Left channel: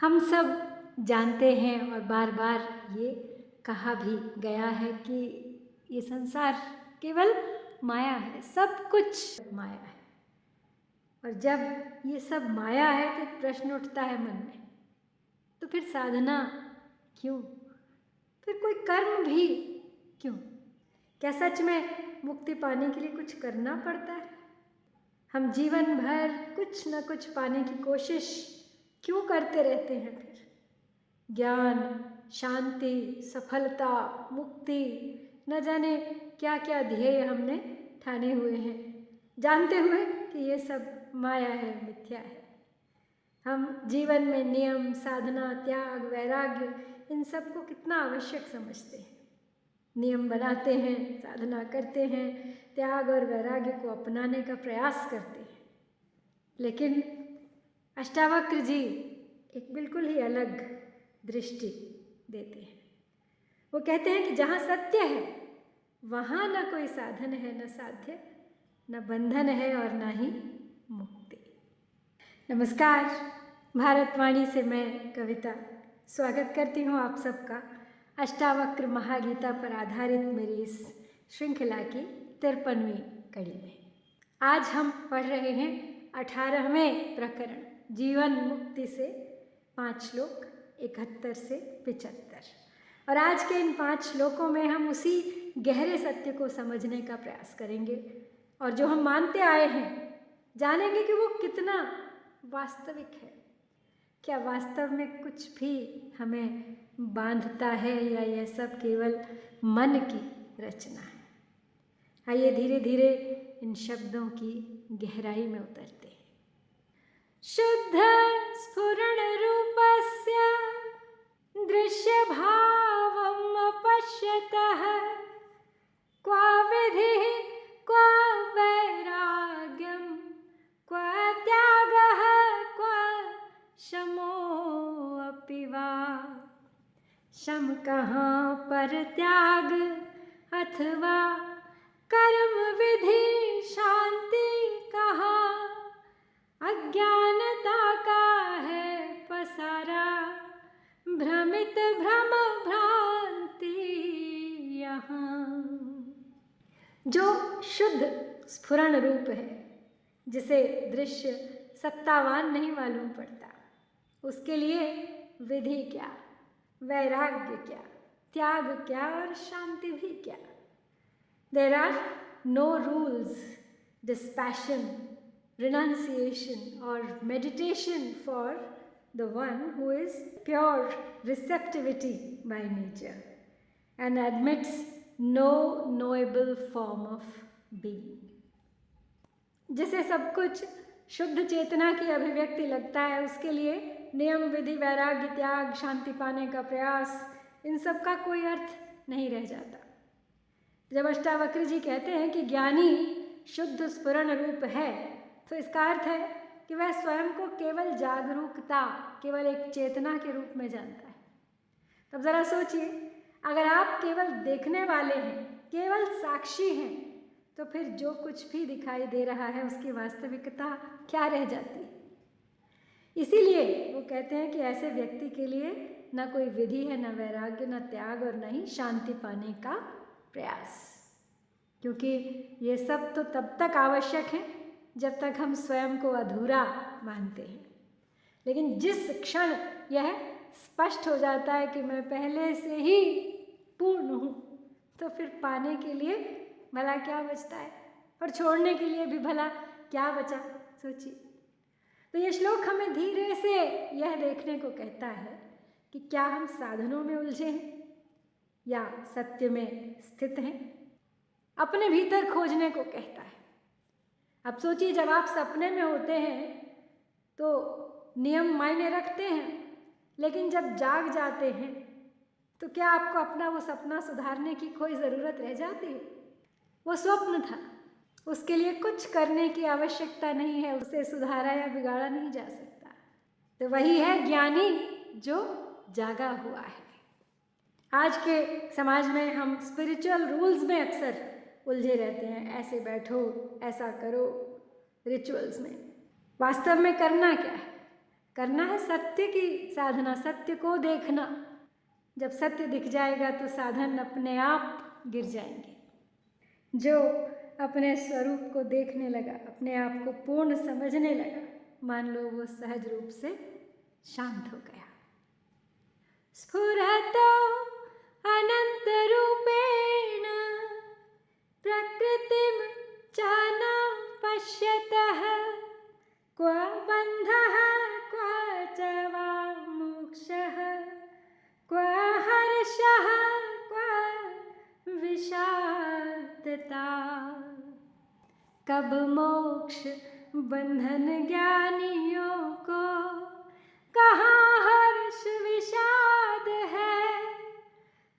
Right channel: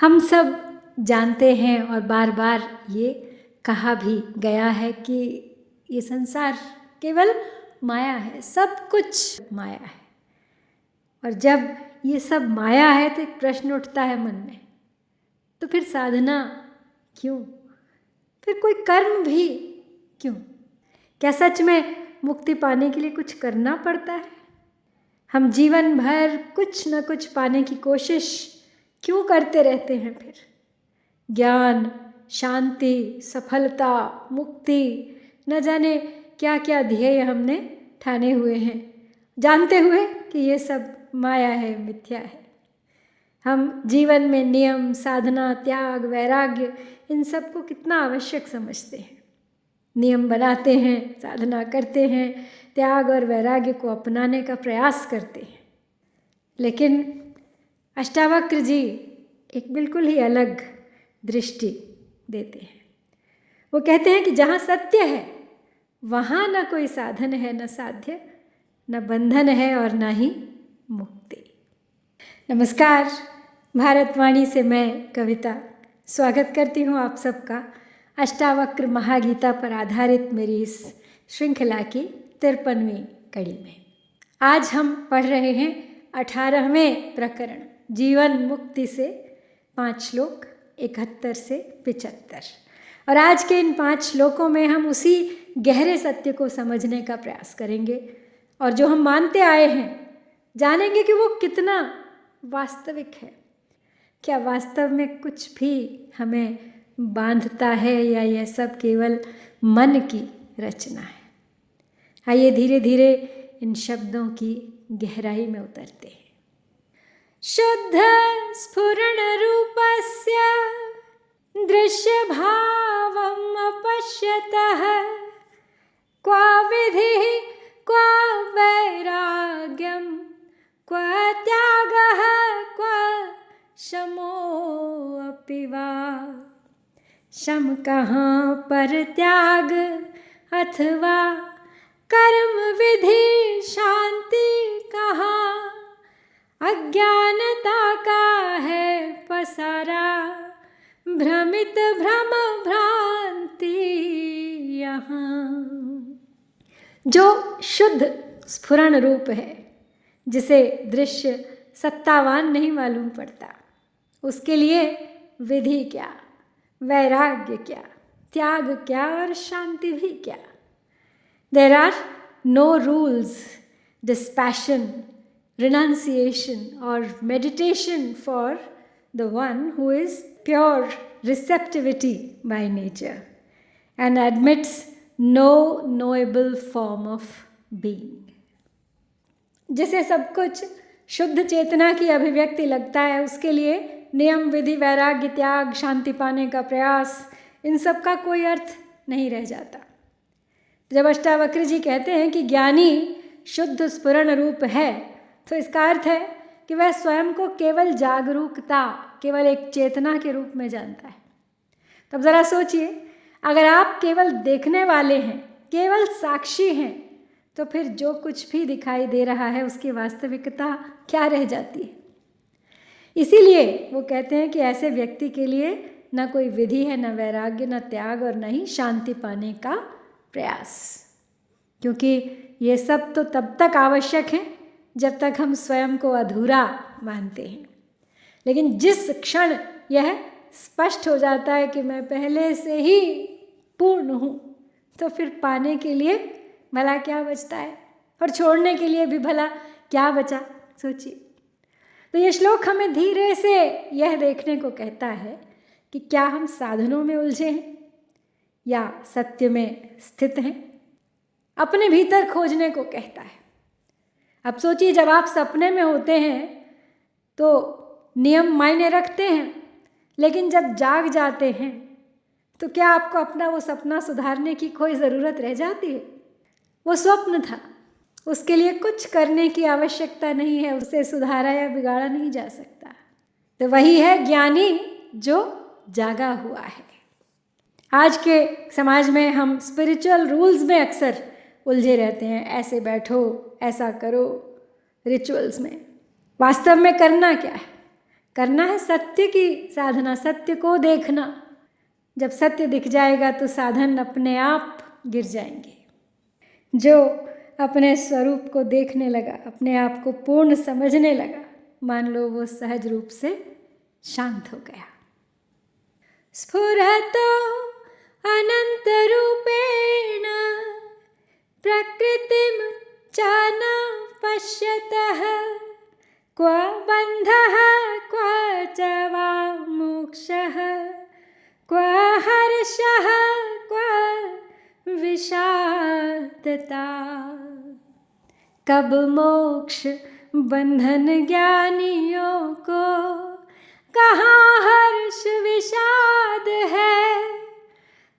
हम सब जानते हैं और बार बार ये कहा भी गया है कि ये संसार केवल माया है, सब कुछ माया है। और जब ये सब माया है तो एक प्रश्न उठता है मन में, तो फिर साधना क्यों? फिर कोई कर्म भी क्यों? क्या सच में मुक्ति पाने के लिए कुछ करना पड़ता है? हम जीवन भर कुछ न कुछ पाने की कोशिश क्यों करते रहते हैं? फिर ज्ञान, शांति, सफलता, मुक्ति, न जाने क्या क्या ध्येय हमने ठाने हुए हैं, जानते हुए कि ये सब माया है, मिथ्या है। हम जीवन में नियम, साधना, त्याग, वैराग्य, इन सब को कितना आवश्यक समझते हैं। नियम बनाते हैं, साधना करते हैं, त्याग और वैराग्य को अपनाने का प्रयास करते हैं। लेकिन अष्टावक्र जी एक बिल्कुल ही अलग दृष्टि देते हैं। वो कहते हैं कि जहाँ सत्य है वहाँ न कोई साधन है, न साध्य, न बंधन है और न ही मुक्ति। नमस्कार, भारतवाणी से मैं कविता स्वागत करती हूँ आप सबका अष्टावक्र महागीता पर आधारित मेरी इस श्रृंखला की 53वीं कड़ी में। आज हम पढ़ रहे हैं 18वें प्रकरण, जीवन मुक्ति से 5 श्लोक 71 से 75। और आज के इन 5 श्लोकों में हम उसी गहरे सत्य को समझने का प्रयास करेंगे और जो हम मानते आए हैं जानेंगे कि वो कितना वास्तविक है। क्या वास्तव में कुछ भी हमें बांधता है या यह सब केवल मन की रचना है? आइए धीरे धीरे इन शब्दों की गहराई में उतरते हैं। शुद्ध स्फुरण रूपस्य दृश्य भावम अपश्यतः क्वा विधिः क्वा वैराग्यम क्वा त्यागः क्वा शमोऽपि वा। शम कहाँ पर त्याग अथवा कर्म विधि, शांति कहाँ अज्ञानता का है पसारा, भ्रमित भ्रम भ्रांति यहाँ। जो शुद्ध स्फुरण रूप है, जिसे दृश्य सत्तावान नहीं मालूम पड़ता, उसके लिए विधि क्या, वैराग्य क्या, त्याग क्या और शांति भी क्या। There are no rules, dispassion, renunciation or meditation for the one who is pure receptivity by nature and admits no knowable form of being. जिसे सब कुछ शुद्ध चेतना की अभिव्यक्ति लगता है, उसके लिए नियम, विधि, वैराग्य, त्याग, शांति पाने का प्रयास, इन सब का कोई अर्थ नहीं रह जाता। जब अष्टावक्र जी कहते हैं कि ज्ञानी शुद्ध स्फुरण रूप है, तो इसका अर्थ है कि वह स्वयं को केवल जागरूकता, केवल एक चेतना के रूप में जानता है। तब ज़रा सोचिए, अगर आप केवल देखने वाले हैं, केवल साक्षी हैं, तो फिर जो कुछ भी दिखाई दे रहा है उसकी वास्तविकता क्या रह जाती है? इसीलिए वो कहते हैं कि ऐसे व्यक्ति के लिए न कोई विधि है, न वैराग्य, न त्याग और न ही शांति पाने का प्रयास। क्योंकि ये सब तो तब तक आवश्यक है जब तक हम स्वयं को अधूरा मानते हैं। लेकिन जिस क्षण यह स्पष्ट हो जाता है कि मैं पहले से ही पूर्ण हूँ, तो फिर पाने के लिए भला क्या बचता है, और छोड़ने के लिए भी भला क्या बचा? सोचिए। तो ये श्लोक हमें धीरे से यह देखने को कहता है कि क्या हम साधनों में उलझे हैं या सत्य में स्थित हैं। अपने भीतर खोजने को कहता है। अब सोचिए, जब आप सपने में होते हैं तो नियम मायने रखते हैं, लेकिन जब जाग जाते हैं तो क्या आपको अपना वो सपना सुधारने की कोई ज़रूरत रह जाती है? वो स्वप्न था, उसके लिए कुछ करने की आवश्यकता नहीं है, उसे सुधारा या बिगाड़ा नहीं जा सकता। तो वही है ज्ञानी जो जागा हुआ है। आज के समाज में हम स्पिरिचुअल रूल्स में अक्सर उलझे रहते हैं, ऐसे बैठो, ऐसा करो, रिचुअल्स में। वास्तव में करना क्या है? करना है सत्य की साधना, सत्य को देखना। जब सत्य दिख जाएगा तो साधन अपने आप गिर जाएंगे। जो अपने स्वरूप को देखने लगा, अपने आप को पूर्ण समझने लगा, मान लो वो सहज रूप से शांत हो गया। स्फुरतो अनंत रूपेण प्रकृतिम च न पश्यतः क्व बन्धः क्व च वा मोक्षः क्व हर्षः क्व विषादता। कब मोक्ष बंधन ज्ञानियों को, कहाँ हर्ष विषाद है।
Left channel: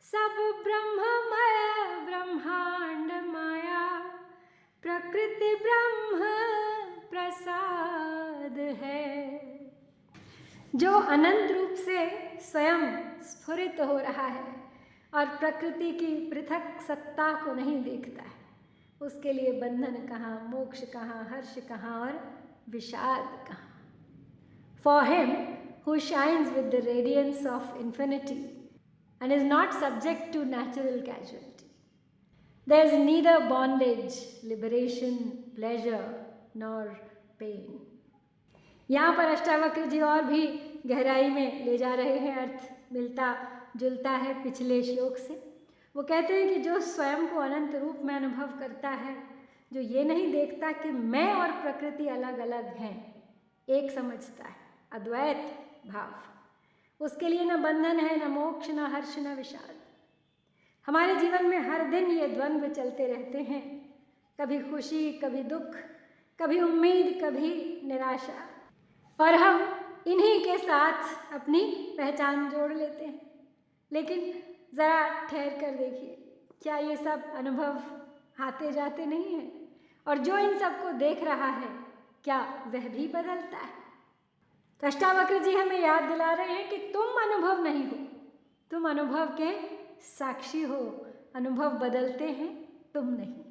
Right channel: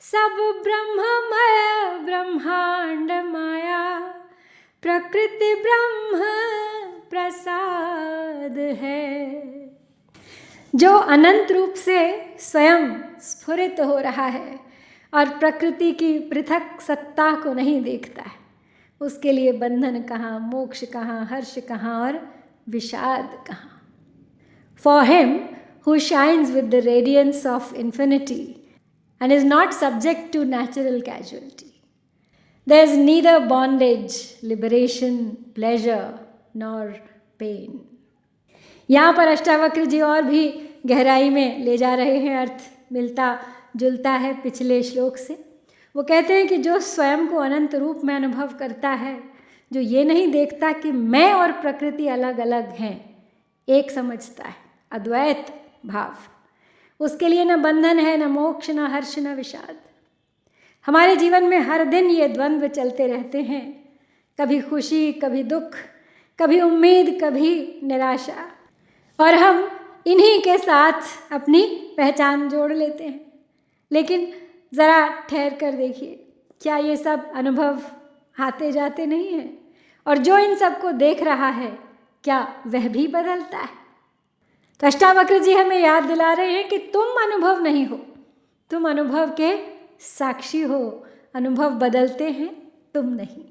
सब ब्रह्ममय ब्रह्मांड माया, प्रकृति ब्रह्म प्रसाद है। जो अनंत रूप से स्वयं स्फुरित हो रहा है और प्रकृति की पृथक सत्ता को नहीं देखता है, उसके लिए बंधन कहाँ, मोक्ष कहाँ, हर्ष कहाँ और विषाद कहाँ। For him who shines with the radiance of infinity and is not subject to natural casualty, there is neither bondage, liberation, pleasure nor pain. यहाँ पर अष्टावक्र जी और भी गहराई में ले जा रहे हैं, अर्थ मिलता जुलता है पिछले श्लोक से। वो कहते हैं कि जो स्वयं को अनंत रूप में अनुभव करता है, जो ये नहीं देखता कि मैं और प्रकृति अलग अलग हैं, एक समझता है, अद्वैत भाव, उसके लिए न बंधन है, न मोक्ष, न हर्ष, न विषाद। हमारे जीवन में हर दिन ये द्वंद्व चलते रहते हैं, कभी खुशी, कभी दुख, कभी उम्मीद, कभी निराशा, और हम इन्हीं के साथ अपनी पहचान जोड़ लेते हैं। लेकिन ज़रा ठहर कर देखिए, क्या ये सब अनुभव आते जाते नहीं हैं? और जो इन सबको देख रहा है, क्या वह भी बदलता है? तो अष्टावक्र जी हमें याद दिला रहे हैं कि तुम अनुभव नहीं हो, तुम अनुभव के साक्षी हो। अनुभव बदलते हैं, तुम नहीं।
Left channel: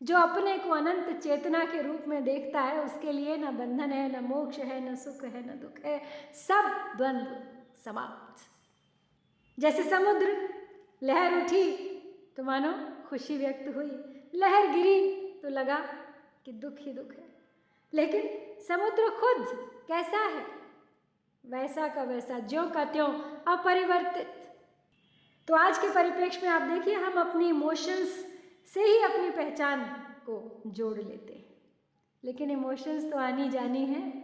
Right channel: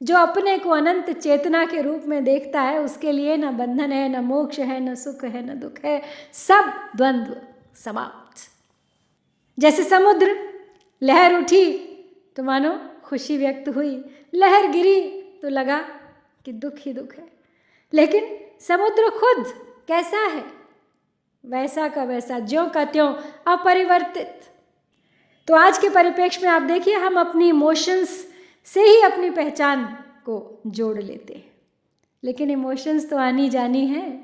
जो अपने को अनंत चेतना के रूप में देखता है, उसके लिए न बंधन है, न मोक्ष है, न सुख है, न दुख है, सब द्वंद्व समाप्त। जैसे समुद्र, लहर उठी तो मानो खुशी व्यक्त हुई, लहर गिरी तो लगा कि दुख ही दुख है। लेकिन समुद्र खुद कैसा है? वैसा का वैसा, ज्यों का त्यों, अपरिवर्तित। तो आज के परिप्रेक्ष्य में आप देखिए, हम अपनी इमोशंस से ही अपनी पहचान को जोड़ लेते हैं। लेकिन इमोशंस तो आनी जानी है,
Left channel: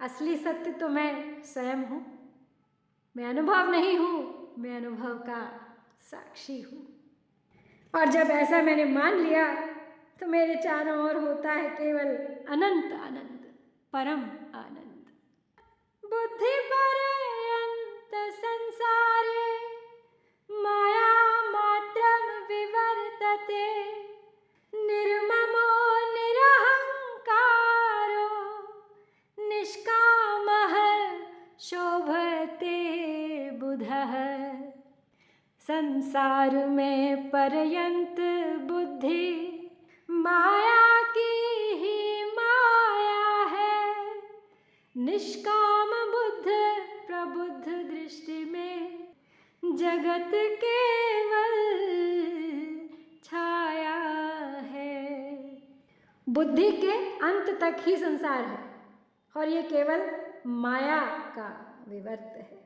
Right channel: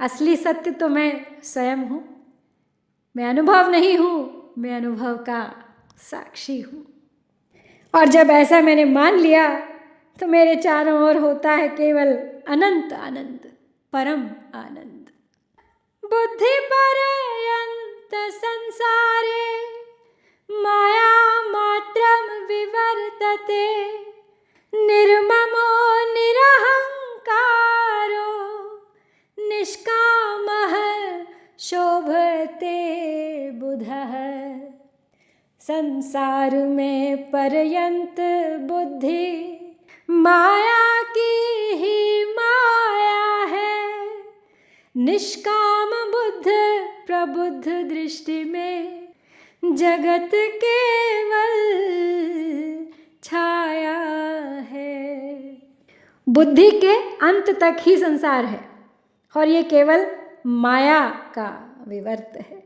असली सत्य तो मैं स्वयं हूँ। मैं अनुभव नहीं हूँ, मैं अनुभव का साक्षी हूँ। और जब ऐसा मैंने मान लिया तो मेरे चारों ओर होता है केवल अनंत आनंद, परम आनंद। बुद्धि पर्यंत संसारे माया मात्रम विवर्तते, निर्ममो निरहंकारो निष्कामः शोभते बुधः। संसार में पर्यंत बुद्धि माया की ही माया है, निष्काम बुद्ध प्रबुद्ध दृष्टि में जगत केवल छाया है। बुद्धि के अंत तक ही संसार है और ये केवल माया का विवर्त है।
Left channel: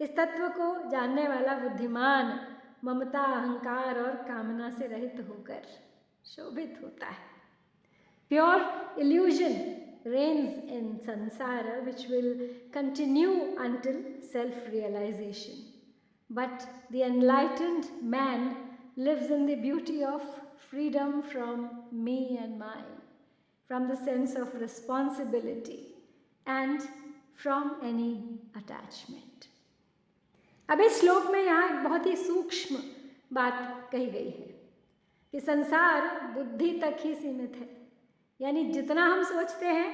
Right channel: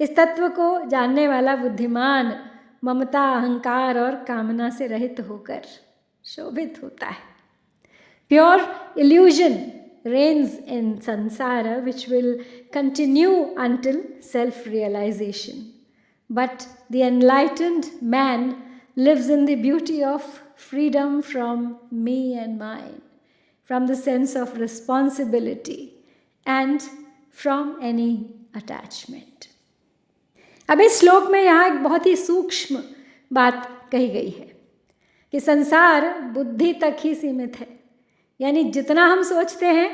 इस तत्व को जानने वाला बुद्धिमान ममता, अहंकार और कामना से रहित होकर शोभित होता है। Pure illusion reigns in samsara, which will continue until self-realization. But the enlightened man lives in the beauty of freedom from me and mine, from the sense of responsibility and from any attachment. अब इस श्लोक में यहाँ एक बहुत ही सूक्ष्म बात कही गई है कि संसार बुद्धि तक ही सीमित है। यानी जितना हम सोचते हैं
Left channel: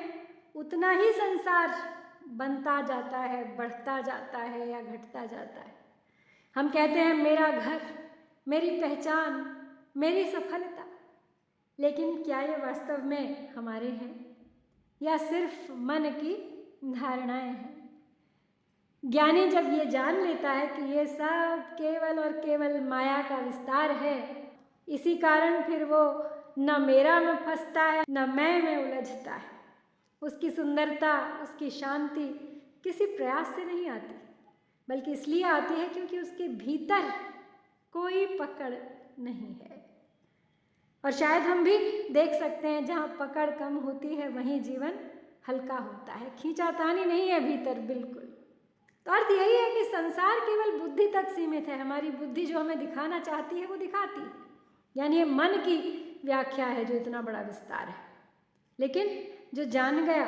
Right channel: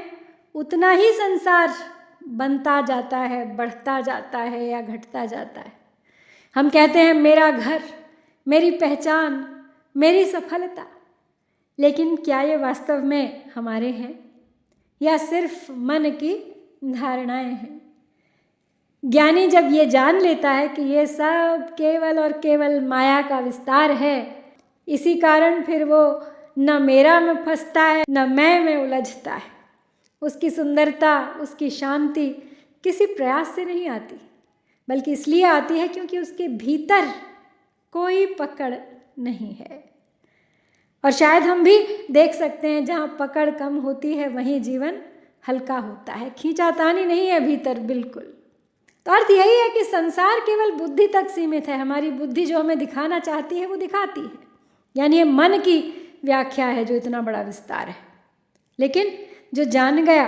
उतना ही संसार बनता जाता है, बढ़ता जाता है या घटता जाता है। हम कहते हैं मेरा घर, मेरी पहचान, मेरी सफलता, लेकिन क्या ये वास्तव में हमारे हैं या सिर्फ मन की धारणाएं हैं। ज्ञानी जब ये जान लेता है कि ये सब केवल और केवल माया का विस्तार है, इसी कारण फिर वो न मेरा में फंसता है न मैं में उलझता है। उसकी सुंदरता, उसकी शांति किसी प्रयास से नहीं आती, बल्कि इसलिए आती है क्योंकि उसके भीतर कोई पकड़ नहीं है। और शायद हम भी देख सकते हैं जहाँ पकड़ कम होती है वहीं जीवन हल्का होता है, खींचातानी नहीं है भीतर बिल्कुल। तो अर्थ यही है कि संसार केवल बुद्धि तक सीमित है। हमारी बुद्धि जो हमें दिखाना चाहती है वो दिखाती है, यानी ये मन की व्याख्या है जो इतना बड़ा विस्तार है। लेकिन जो जान गया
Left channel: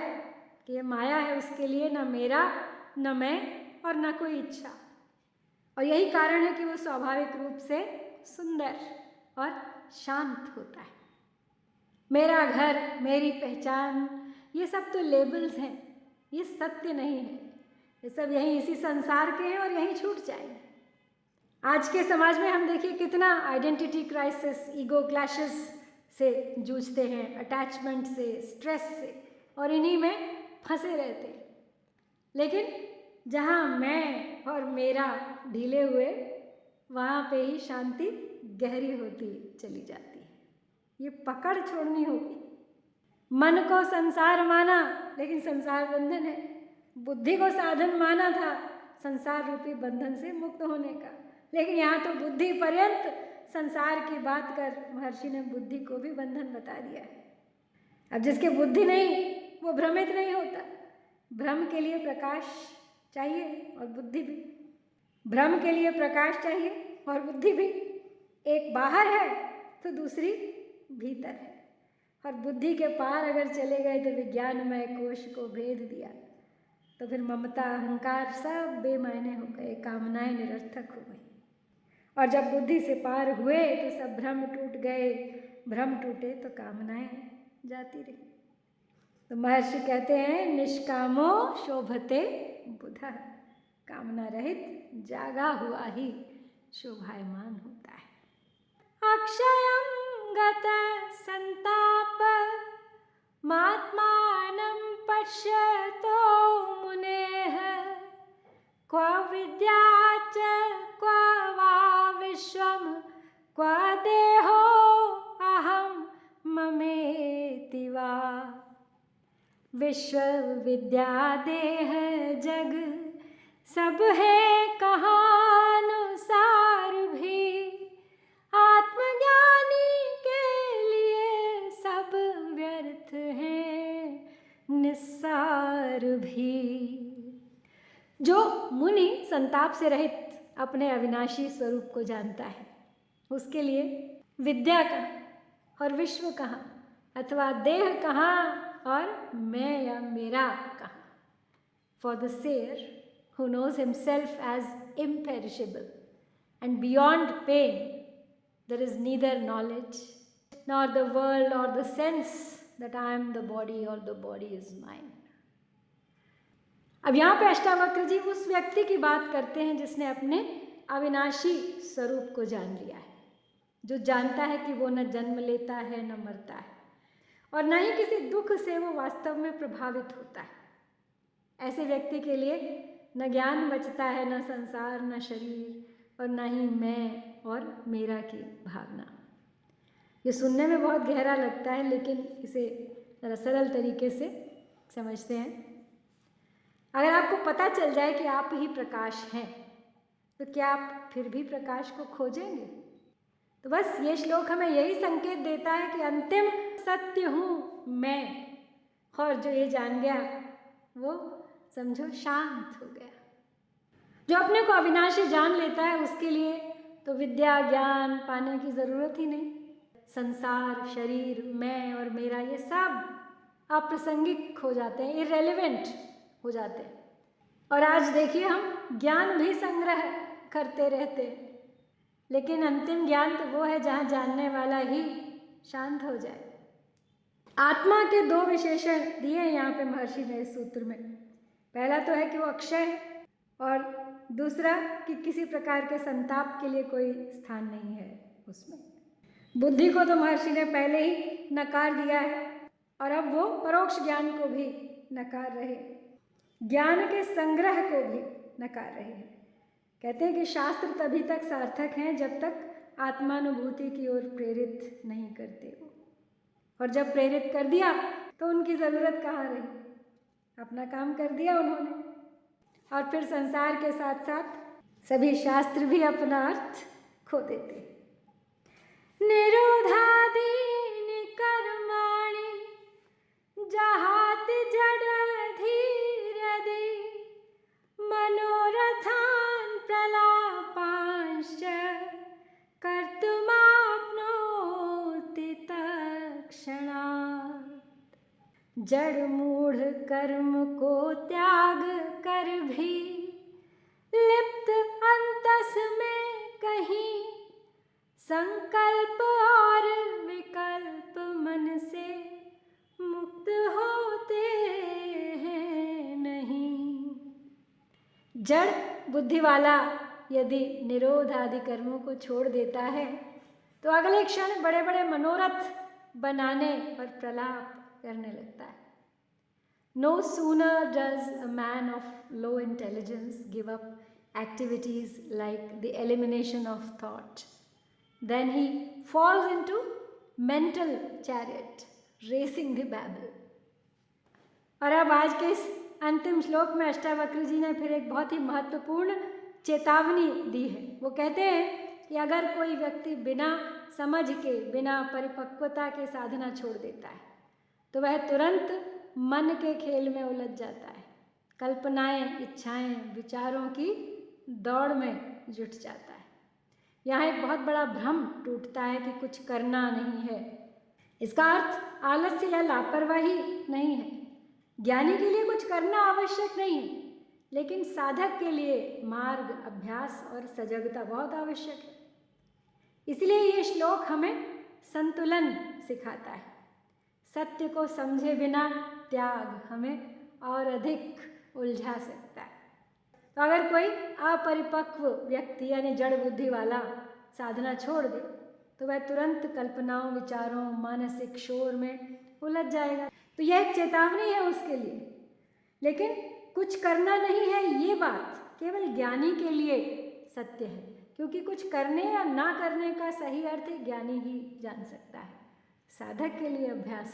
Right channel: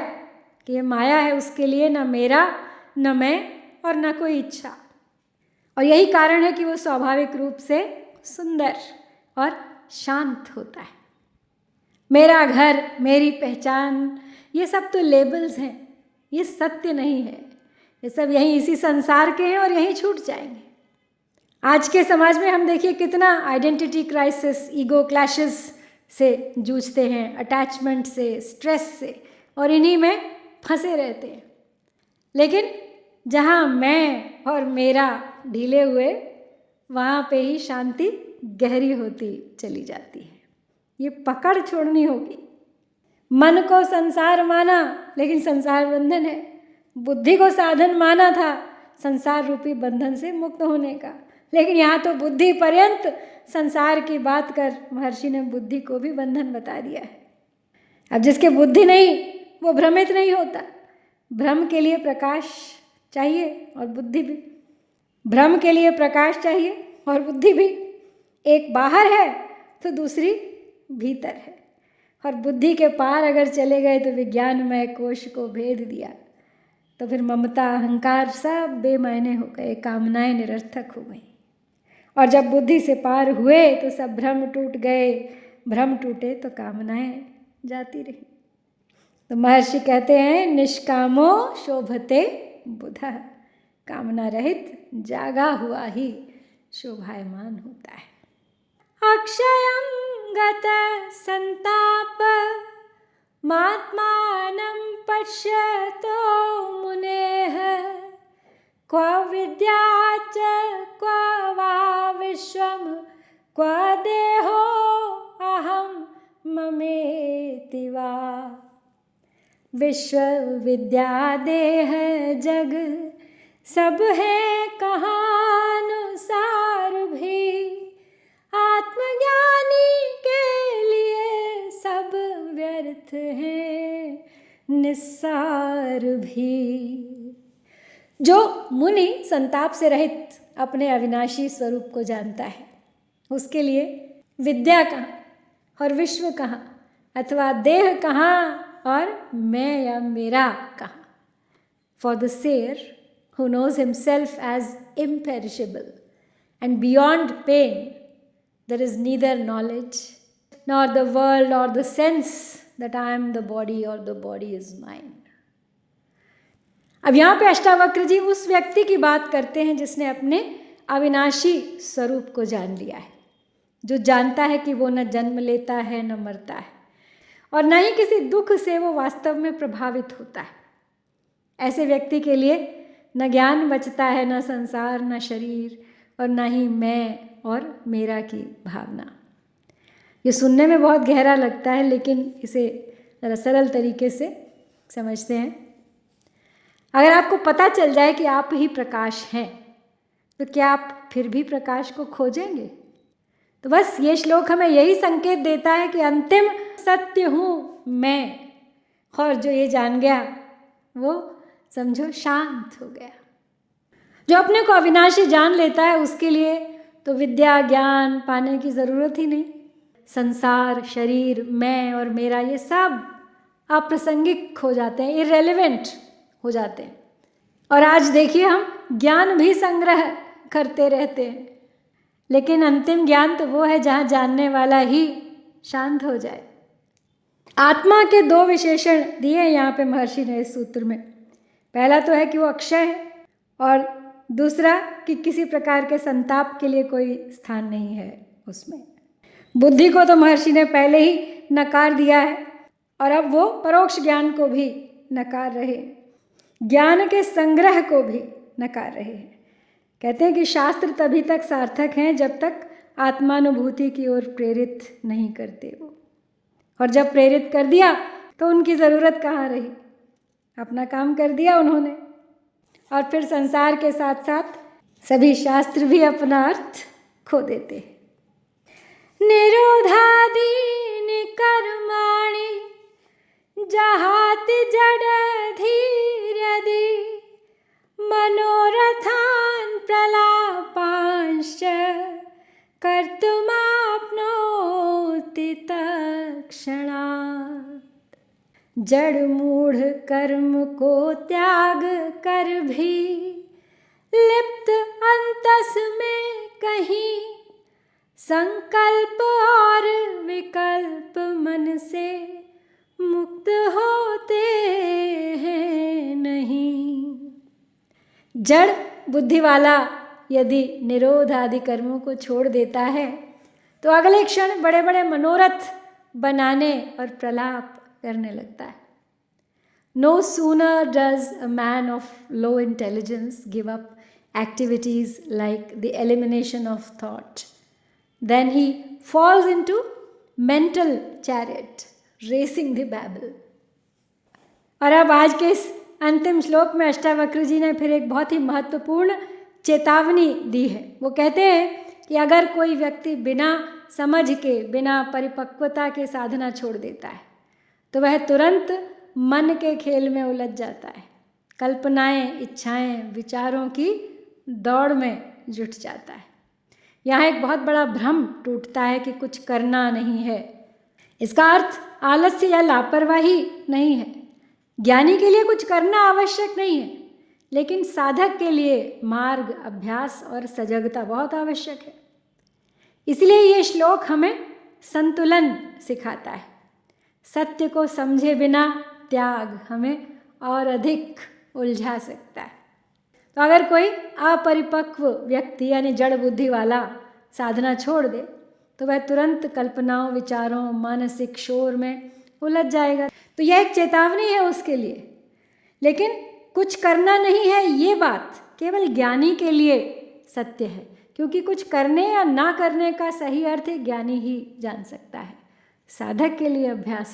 कि ये माया है, उसके लिए न मेरा न मैं और न कोई इच्छा। और यही कारण है कि वो स्वाभाविक रूप से सुंदर और शांत होता है। मेरा घर, मेरी पहचान, ये सब तो लेबल्स हैं, ये सत्य नहीं है। ये सब यहीं इसी संसार के हैं और यहीं छूट जाएंगे। आज के समाज में हम देखिए कितना आइडेंटिटी क्राइसिस, ईगो क्लैशेस से जूझते हैं, अटैचमेंट से, स्ट्रेस से, और इन्हीं में फंसे रहते हैं। लेकिन जहाँ मैं और मेरा ढीले हुए, वहाँ पे ही शांति गहरी होती चली जाती है। ये पकड़ छोड़नी होगी। मन को संसार माना, लेकिन संसार बंधन है। बुद्धि को साधन माना था संसार रूपी बंधन से मुक्त होने का, लेकिन यहाँ तो बुद्धि पर्यंत संसार की बात कर महर्षि ने बुद्धि को भी बंधन बता दिया है। अब जिसके बुद्धि नहीं वो भ्रमित नहीं होता। भ्रम के लिए प्रकाश चाहिए और बुद्धि भी, भ्रम के लिए प्रकाश चाहिए और बुद्धि भी। एक बाहर है तो दूसरी भीतर है, और बुद्धि के पार अगर चले गए तो विज्ञानमय कोश को भेद दिया, तो फिर ममता, अहंकार सब बेमायने हो गए, कामनाएं निरर्थक हो गई। और जब बुद्धि से पार हुए तो सब भ्रम टूट गए, भ्रम टूटे तो कामनाएं जाती रही। तो महर्षि कहते हैं निष्कामो शोभते बुधः, कामना रहित जागा हुआ ही शोभायमान होता है। अक्षयं गत संताप मात्मानं पश्यतो मुनेः, क्व विद्या च क्व वा विश्वं क्व देहो अहं ममेति वा। विश्व विद्या देह जग सब है कहानुसार भी, आत्मज्ञानी के लिए सब व्यर्थ है निस्सार भी। जो मुनि संताप से रहित अपने अविनाशी स्वरूप को जानता है, उसके लिए विद्या कहाँ और विश्व कहाँ, अथवा देह कहाँ और मैं या मेरा कहाँ। For the seer who knows himself as imperishable and beyond pain, there is neither knowledge nor the world or the sense that I am the body or the body is mine. अब यहाँ पे अष्टावक्र जी उस व्यक्ति की बात करते हैं जिसने अपने अविनाशी स्वरूप को जान लिया है, जो जानता है कि वो न जन्म लेता है न मरता है, और न ही किसी दुख से वो वास्तव में प्रभावित होता है। ऐसे व्यक्ति के लिए न ज्ञान बचता है, न संसार, न शरीर, और न ही मैं और मेरा की भावना। ये सुनने में बहुत गहरा लगता है, लेकिन इसे ज़रा सरल तरीके से समझते हैं। अगर आपको पता चल जाए कि आप ही प्रकाश हैं, तो क्या आप फिर भी प्रकाश को खोजेंगे? तो बस ये श्लोक हमें यही संकेत देता है कि अंतिम सत्य हूँ मैं, और जो ये जान गया वो समझो शांत हो गया। जो अपने को अविनाशी जान लेता है उसके लिए तो विद्या ज्ञान पाने की ज़रूरत ही नहीं। संसार, शरीर, मैं और मेरा, ये सब अप्रासंगिक हो जाते हैं, इररेलेवेंट हो जाते हैं। और आज देखिए हम ज्ञान भी संग्रह करते रहते हैं, लेकिन अंतिम ज्ञान तो वो है जहाँ जानने वाला ही शांत हो जाए। आत्मा के दो विशेषण दिए यहाँ पे महर्षि ने इस सूत्र में। पहला तो है कि वो अक्षय है, और दूसरा कि किसी प्रकार के संताप के लिए कोई स्थान नहीं है उसमें। बुद्धि को तो महर्षि ने पहले ही नकार दिया है, और अब वो परोक्ष ज्ञान को भी नकार रहे। ज्ञान के संग्रह को भी नकार रहे हैं। कहते हैं कि शास्त्र तभी तक सार्थक हैं जब तक आत्मानुभूति की ओर प्रेरित नहीं करते वो, और जब प्रेरित कर दिया तो उनकी ज़रूरत कहाँ रही, अपना काम कर दिया उन्होंने, और फिर संसार के साथ साथ सभी शास्त्र भी अपना अर्थ खो देते हैं। निरोधादीनि कर्माणि जहाति जडधीर्यदि मनोरथान् प्रलापांश्च कर्तुमाप्नोति तत्क्षणात्। जड़ मूढ़ कर्म को त्याग कर भी लिप्त अंतस में कहीं संकल्प और विकल्प मन से मुक्त होते हैं नहीं। जड़ बुद्धि वाला यदि निरोध आदि कर्मों को छोड़ देता है तो अगले क्षण बड़े बड़े मनोरथ बनाने और प्रलाप करने लगता है। No sooner does a man of low intelligence give up activities like the elimination of thought, then he falls into mental chariot, racing the Babel. और अब आज के इस अंतिम श्लोक में अष्टावक्र जी ने फिर एक बहुत ही महत्वपूर्ण चेतावनी दी है। वो कहते हैं कि अगर कोई व्यक्ति बिना समझ के, बिना परिपक्वता के साधना छोड़ देता है तो वह तुरंत मन के खेल में उलझ जाता है, कल्पनाएं, इच्छाएं, विचारों की दौड़ में जुट जाता है। यहाँ एक बहुत बड़ा भ्रम टूटता है कि कुछ करना नहीं है। इसका अर्थ आलस्य या लापरवाही नहीं है। ज्ञानी के लिए कुछ करना आवश्यक नहीं है, लेकिन साधक के लिए मार्ग, अभ्यास और सजगता बहुत आवश्यक है। इसलिए ये श्लोक हमें संतुलन सिखाता है। सत्य को समझे बिना त्याग हमें और अधिक उलझा सकता है। तो अगर कोई अपरिपक्व व्यक्ति यानी जड़ बुद्धि वाला साधना छोड़ दे तो वह तुरंत कल्पनाओं, विचारों, मानसिक शोर में उलझ जाएगा। तो यह एक चेतावनी है उसके लिए। लेकिन कुछ करना नहीं है, ये बात केवल ज्ञानी के लिए सत्य है, क्योंकि कुछ करने या ना करने का सही अर्थ ज्ञानी ही जान सकता है। साधक के लिए अभ्यास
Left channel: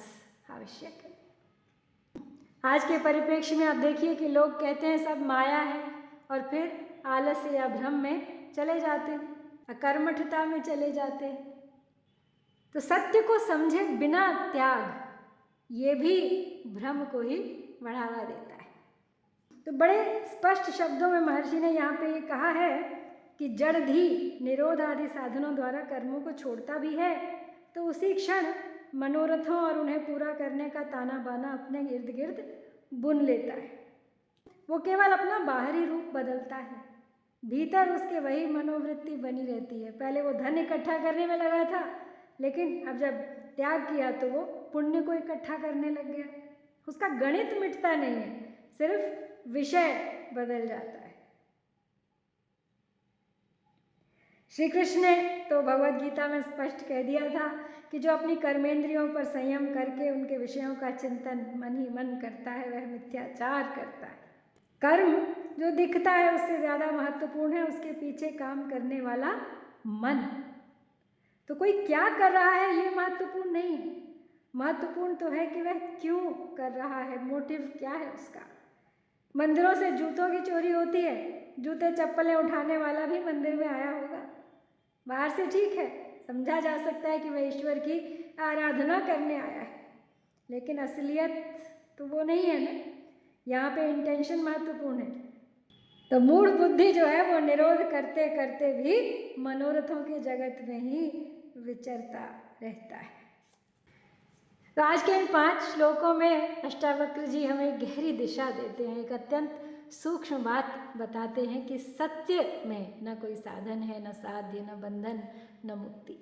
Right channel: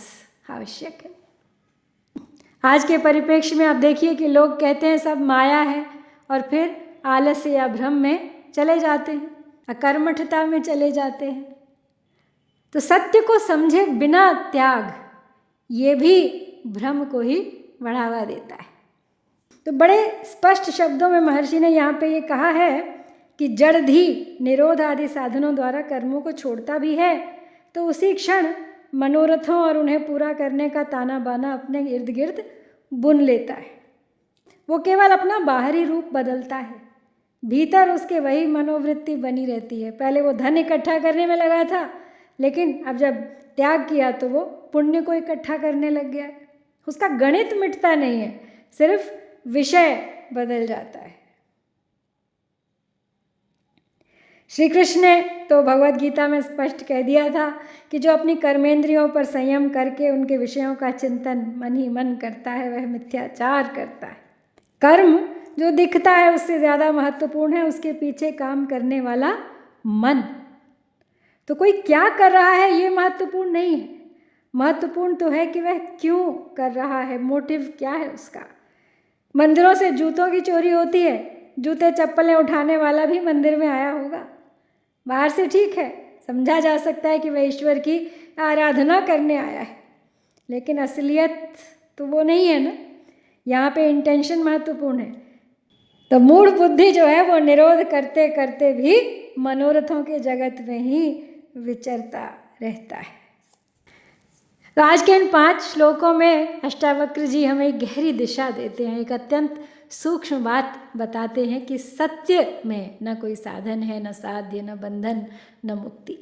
आवश्यक है। आज के परिप्रेक्ष्य में आप देखिए कि लोग कहते हैं सब माया है और फिर आलस्य या भ्रम में चले जाते हैं, अकर्मठता में चले जाते हैं। तो सत्य को समझे बिना त्याग ये भी भ्रम को ही बढ़ावा देता है। तो बड़े स्पष्ट शब्दों में महर्षि ने यहाँ पे ये कहा है कि जड़धी निरोध आदि साधनों द्वारा कर्मों को छोड़ता भी है तो उसी क्षण मनोरथों और उन्हें पूरा करने का ताना बाना अपने इर्द गिर्द बुन लेता है। वो केवल अपना बाहरी रूप बदलता है, भीतर उसके वही मनोवृत्ति बनी रहती है। पहले वो धन इकट्ठा करने में लगा था, लेकिन अब जब त्याग किया तो वो पुण्य को इकट्ठा करने लग गया। उसका गणित मिटता नहीं है, सिर्फ विषय बदल जाता है। श्री कृष्ण ने तो भगवद गीता में स्पष्ट कह दिया था कि जो अपनी कर्मेंद्रियों पर संयम करके उनके विषयों का चिंतन मन ही मन करता है वह मिथ्याचार करता है। कर्म जो दिखता है उससे ज़्यादा महत्वपूर्ण है उसके पीछे काम करने वाला मन। तो कोई क्या कर रहा है ये महत्वपूर्ण नहीं है, महत्वपूर्ण तो है कि वह क्यों कर रहा है, मोटिव क्या है उसका। मंदिरों से जूतों की चोरी होती है, जूते चप्पलें उठाने वाला भी मंदिर में आया होगा। बाहर से ठीक है, समझा जा सकता है कि वह ईश्वर की आराधना करने आया है, लेकिन असलियत तो वो नहीं है ना। यहाँ पे इंटेंशन महत्वपूर्ण है। तो मूढ़ बुद्धि जो है वो निरोध करते करते भी मनोरथों के जगत में ही विचरता रहता है। तो आज के इन 5 श्लोकों में अष्टावक्र जी हमें गहरी दिशा देते हैं, एक अत्यंत सूक्ष्म बात बताते हैं कि सत्य में न कोई साधन है, न साध्य, न बंधन, न मुक्ति।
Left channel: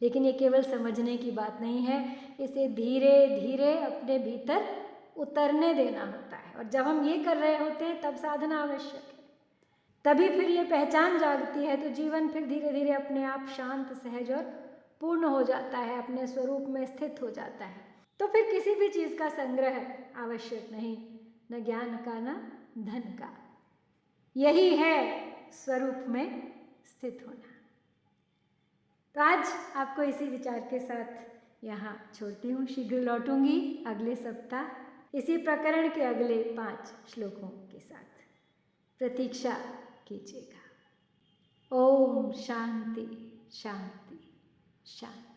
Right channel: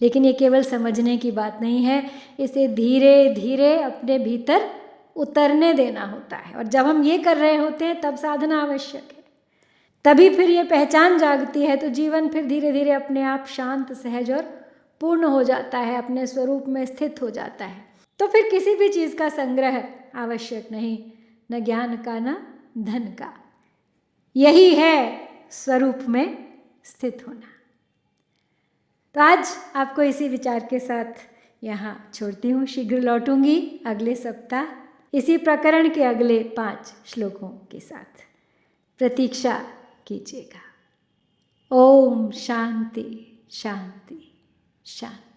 लेकिन ये केवल समझने की बात नहीं है, इसे धीरे धीरे अपने भीतर उतरने देना होता है। और जब हम ये कर रहे होते हैं तब साधना आवश्यक है, तभी फिर ये पहचान जागती है। तो जीवन फिर धीरे धीरे अपने आप शांत, सहज और पूर्ण हो जाता है, अपने स्वरूप में स्थित हो जाता है। तो फिर किसी भी चीज़ का संग्रह आवश्यक नहीं, न ज्ञान का, न धन का। यही है स्वरूप में स्थित होना। तो आज आपको इसी विचार के साथ यहाँ छोड़ती हूँ। शीघ्र लौटूंगी अगले सप्ताह इसी प्रकरण के अगले 5 श्लोकों के साथ। प्रतीक्षा कीजिएगा। ओम शांति शांति शांति।